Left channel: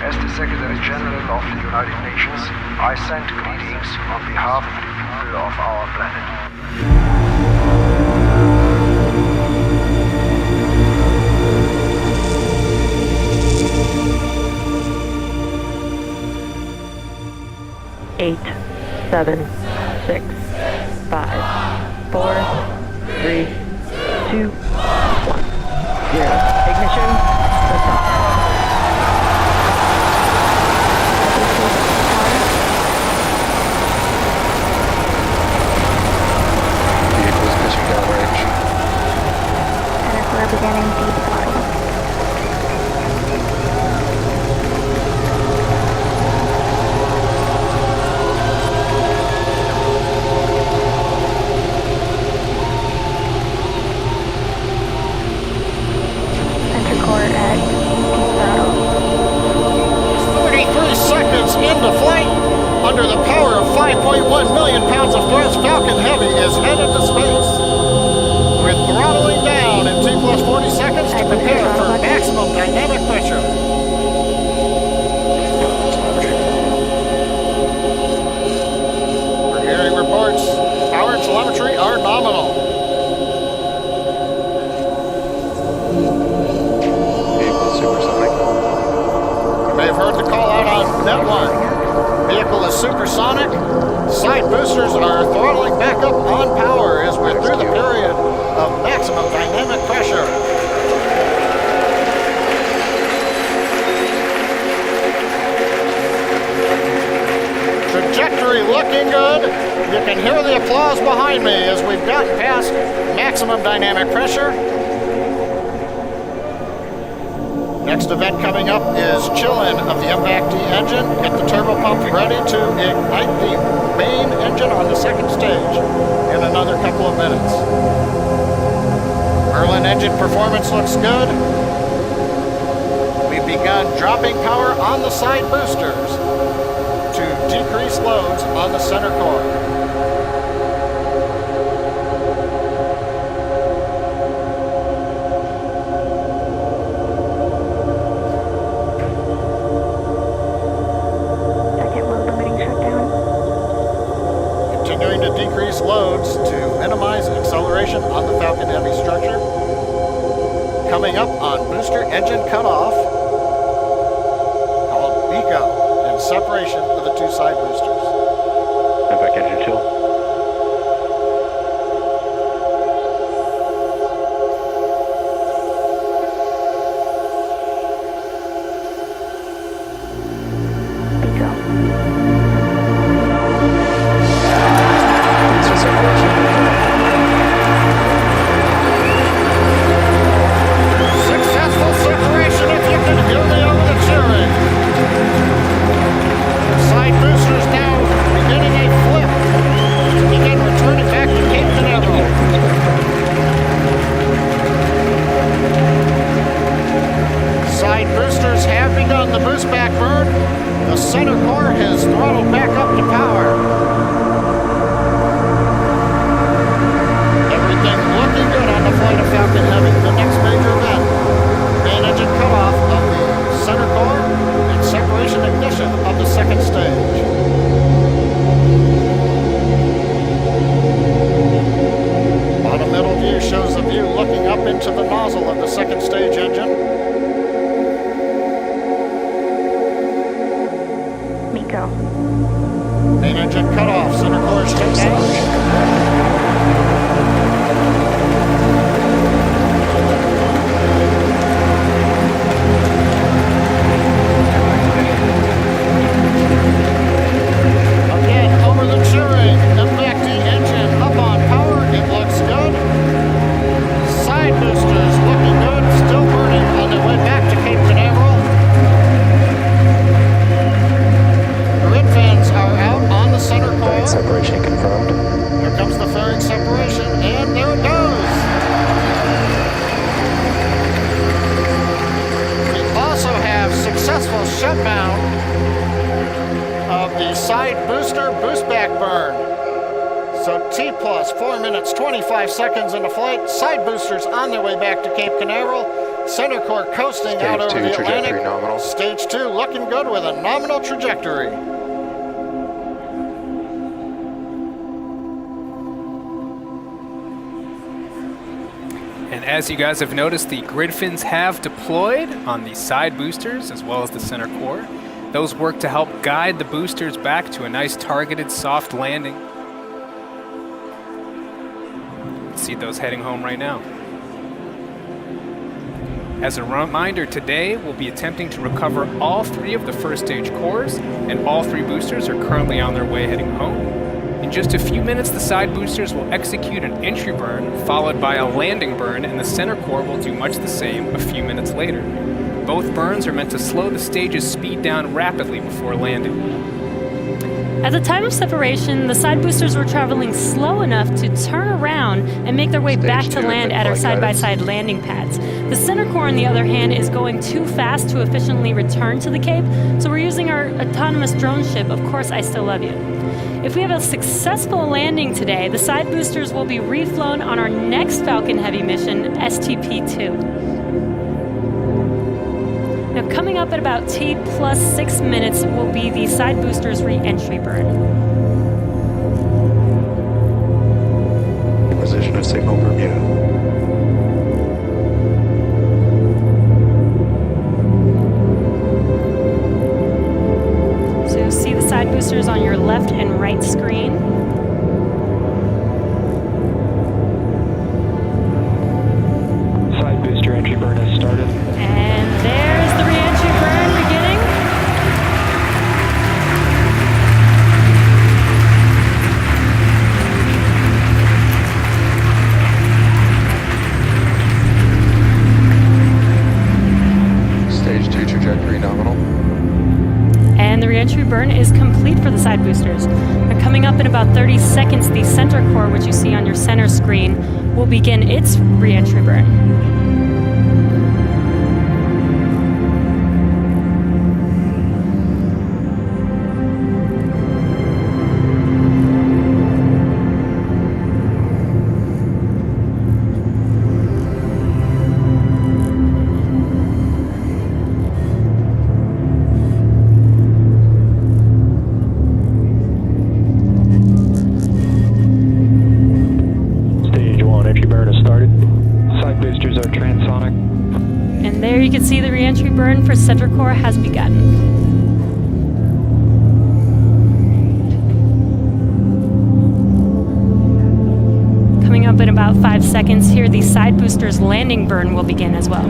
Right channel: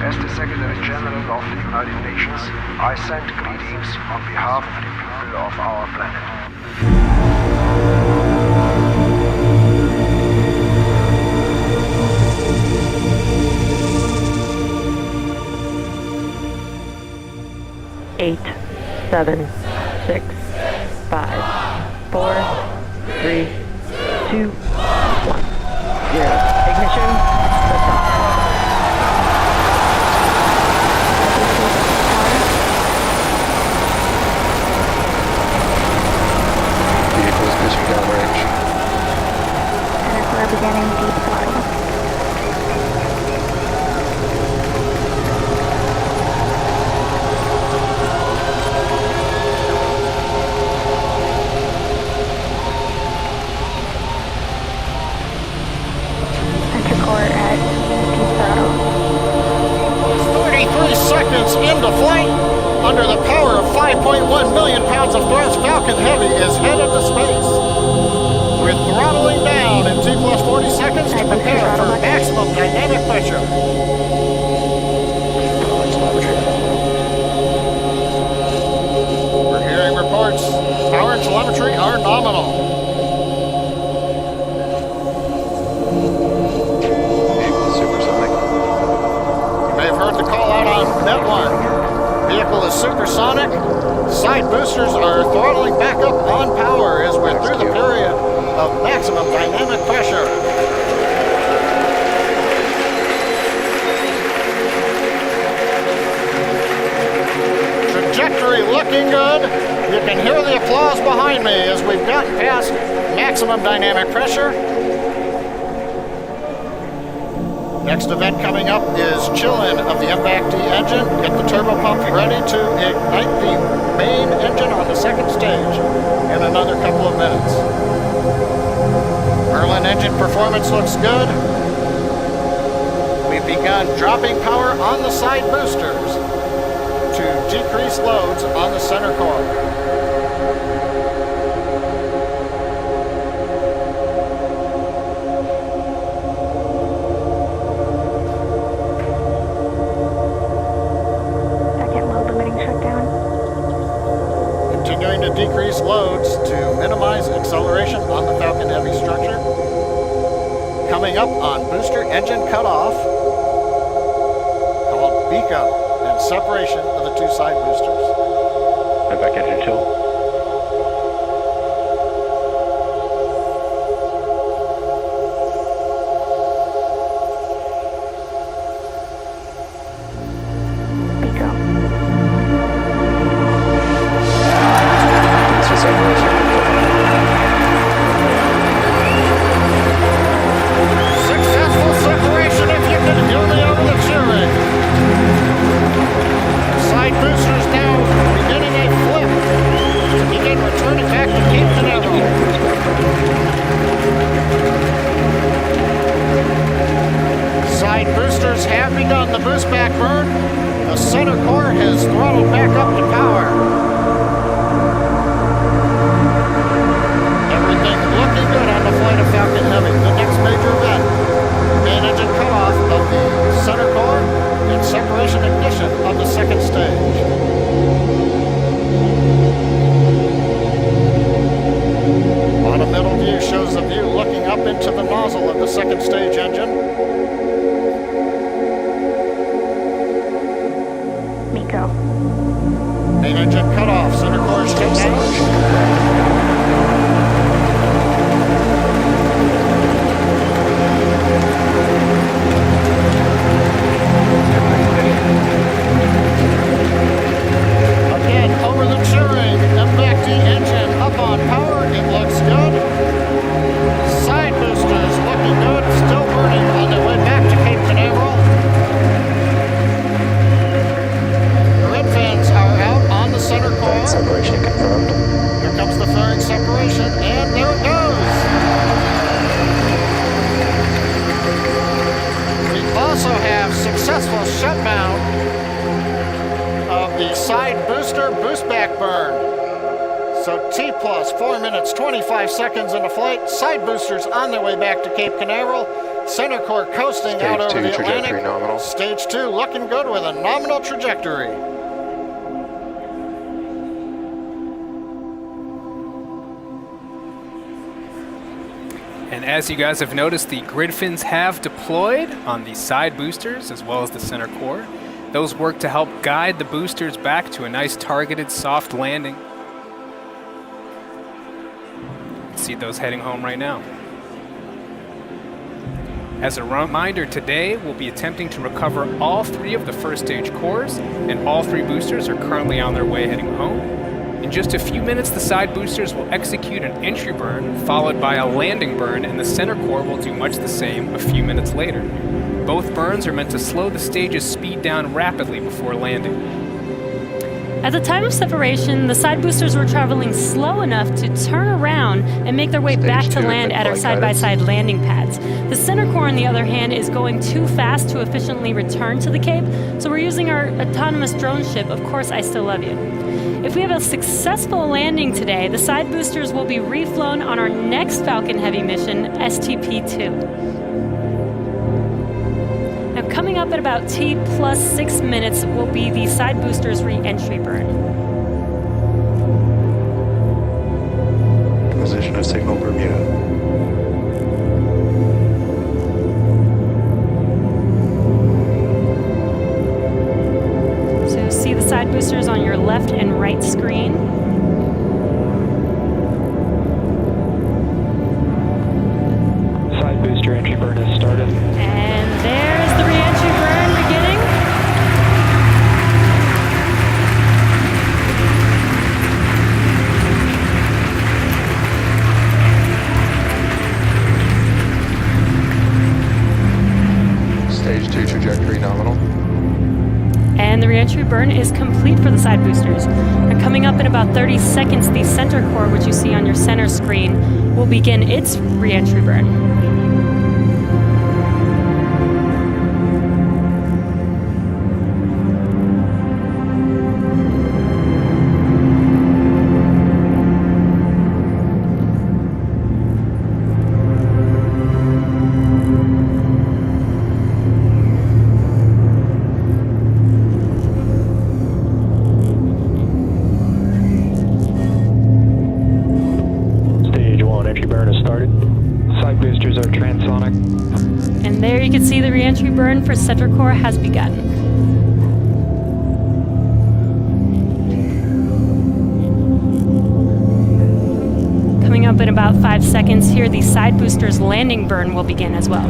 As the Secretary General of the United Nations, I send greetings on behalf of the people of our planet. Eight, 7, 6, 5, 4, 3, 2, 1, 0. Ignition, liftoff. Vehicles pitching downrange. Center core beginning deep throttle. Center core at deep throttle. 33 seconds into flight. Under the power of 5.1 million pounds of thrust, Falcon Heavy is headed to space. We're throttling down in T plus 40 seconds to prepare for maximum dynamic pressure. We're hearing reports. Power and telemetry are nominal. Vehicle supersonic. You may have heard the call out on Net 1. Vehicle is supersonic. Side boosters are throttling back up on power as we're through the period of maximum dynamic pressure. Trajectory looking good. You can hear the applause behind me as we've gotten past maximum dynamic pressure. Next event coming up is chill-in of the liveact engine. Get the turbo pump ready to ignite the main engine on the second stage in another couple of minutes. Merlin engine performance looks good. We've begun dropping power on the side boosters to decrease loads on the center core. Continuing to decrease loads to minimize acceleration on the Falcon Heavy structure. Coming up on booster engine cutoff, called BECO, and separation of the two side boosters. Liveact engine chill. Successful separation if you can hear me over the cheering. Side boosters now beginning a flip to begin returning back to Cape Canaveral. Side boosters have begun the boost back burn. The center core has throttled back up to power. Everything looking good on the flight of Falcon Heavy. The next major event, main engine cutoff of the center core and separation ignition of the second stage. Bottom middle view shows the view looking up into the nozzle of the second stage engine. MECO. Main engine cutoff, center core shut down. Over the cheering, liveact engine up on power, it looks good. Side boosters looking good, still burning on their way back to Cape Canaveral. Grid fans are out on the center core. Fairing separation confirmed. Here comes the fairing separation, and there it goes. We also have successful shutdown of the side booster boost back burn. So T plus 4 minutes 25 seconds into flight. Side boosters on their way back to Cape Canaveral. Center core coasting out Stage over 2 the trajectory Atlantic. nominal. Stage 2 looking good with a nominal trajectory. And as you guys have noticed, the grid fins have deployed on the side boosters as well as the center core. Those work to help guide the boosters back to a nice targeted soft landing. You can see those heading home right now. As a reminder, today we'll be attempting to recover all 3 of the first stage cores, and all 3 boosters are currently on their way heading home. In just a few minutes, the side boosters will execute an entry burn, followed by a landing burn, and the center core will do much the same a few minutes later. Both burns are meant to slow the stage's speed down rapidly before landing. At the time of separation, the side boosters were traveling slow enough to turn around and make their way Stage back to 2 land at our mid-flight side-by-side landing pads. The center core, on the other hand, is going too fast to efficiently return to the Cape, so we're using our autonomous drone ship, Of Course I Still Love You. If we have a successful landing today, the side boosters will be reflown on our next Falcon Heavy mission, STP-2. Now, coming up at about T plus 6 minutes will be the side boosters re-entry burn. Acquisition of signal Bermuda. So you'll see the side boosters on your left and right screen. Side booster entry burn has started. And there's the re-entry burn beginning. Stage 2 trajectory nominal. And the re-entry burn is complete for the side boosters. And coming up in about 30 seconds, the center core, which you see on your center screen, will begin its re-entry burn. Stage 1 entry burn has started. Side boosters are transonic. And there you can see the re-entry burn for center core has begun. Coming up in about 5 seconds here, the side boosters landing burn will begin as well.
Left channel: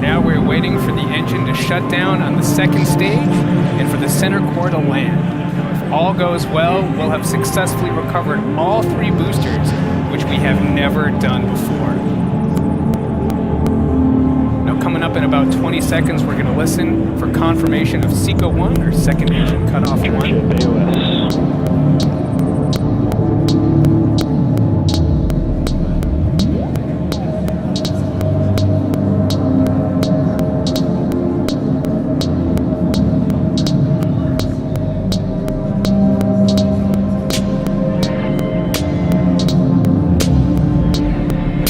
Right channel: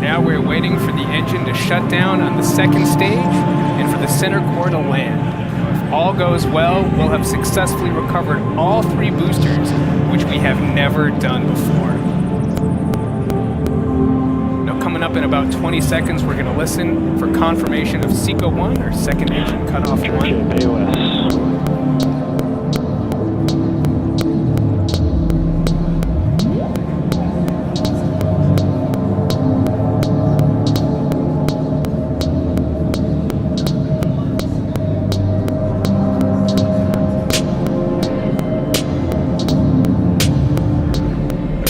Now we're waiting for the engine to shut down on the second stage and for the center core to land. Now, if all goes well, we'll have successfully recovered all 3 boosters, which we have never done before. Now, coming up in about 20 seconds, we're going to listen for confirmation of SECO 1, or second engine cutoff 1. AOS.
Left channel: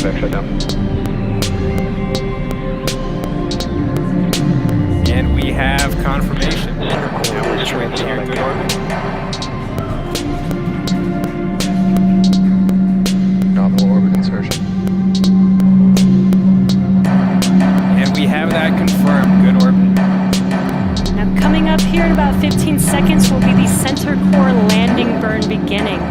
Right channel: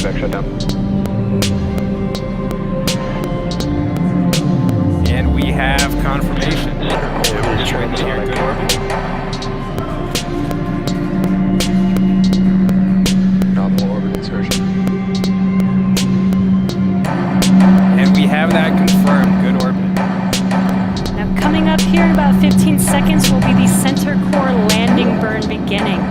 Back shutdown. And we have confirmation. Center core Now we're is just waiting to hear transonic. good orbit. Nominal orbit insertion. And we have that confirmed. Good orbit. Now coming up here in about 15 seconds will be the center core landing burn beginning.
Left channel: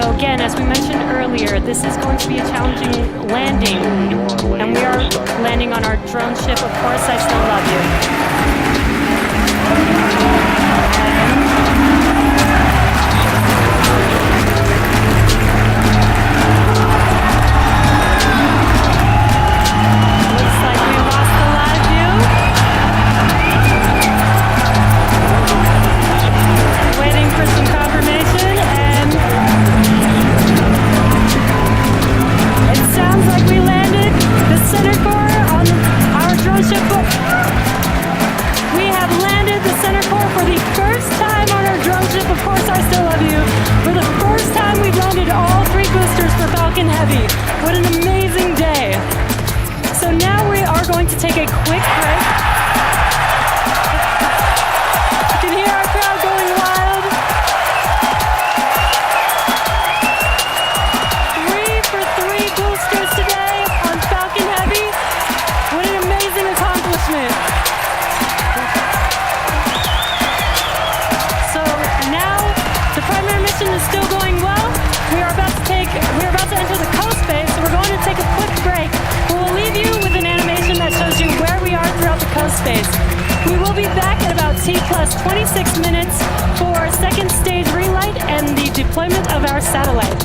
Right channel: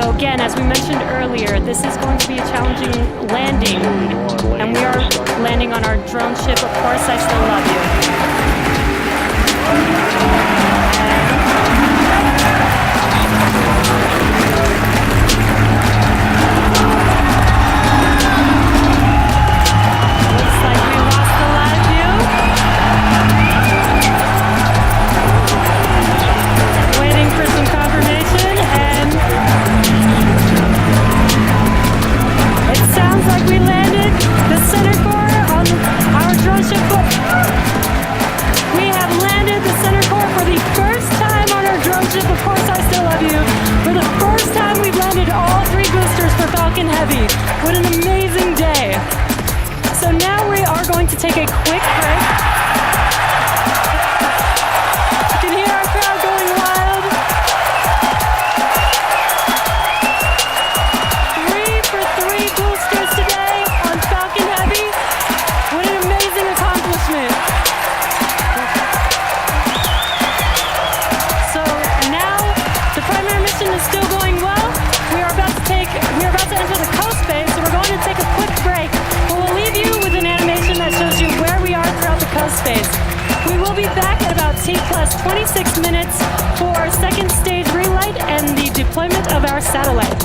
So again, as we mentioned earlier, this is going to be a challenging landing. Stage 1, landing And we are gear started. landing on our drone ship. Of course, I still love you. And looks like we lost the live view. Waiting for some confirmation, and it sounds like we landed the center core on our drone ship. We have landed the center core for the first time on our drone ship. Of course, I still love you. For the first time, we've landed all 3 boosters for Falcon Heavy. What an amazing day. So now we are going to take a quick break. You can hear our crowd going wild. 3 for 3 boosters today on Falcon Heavy. What an amazing accomplishment. So now the primary mission is still going well. We are about to enter the coast phase, so we're going to take a quick break. We'll leave you with an animation that shows you where we are throughout the coast phase. We will be back at about T plus 26 minutes for second stage relight and the deployment of our satellite.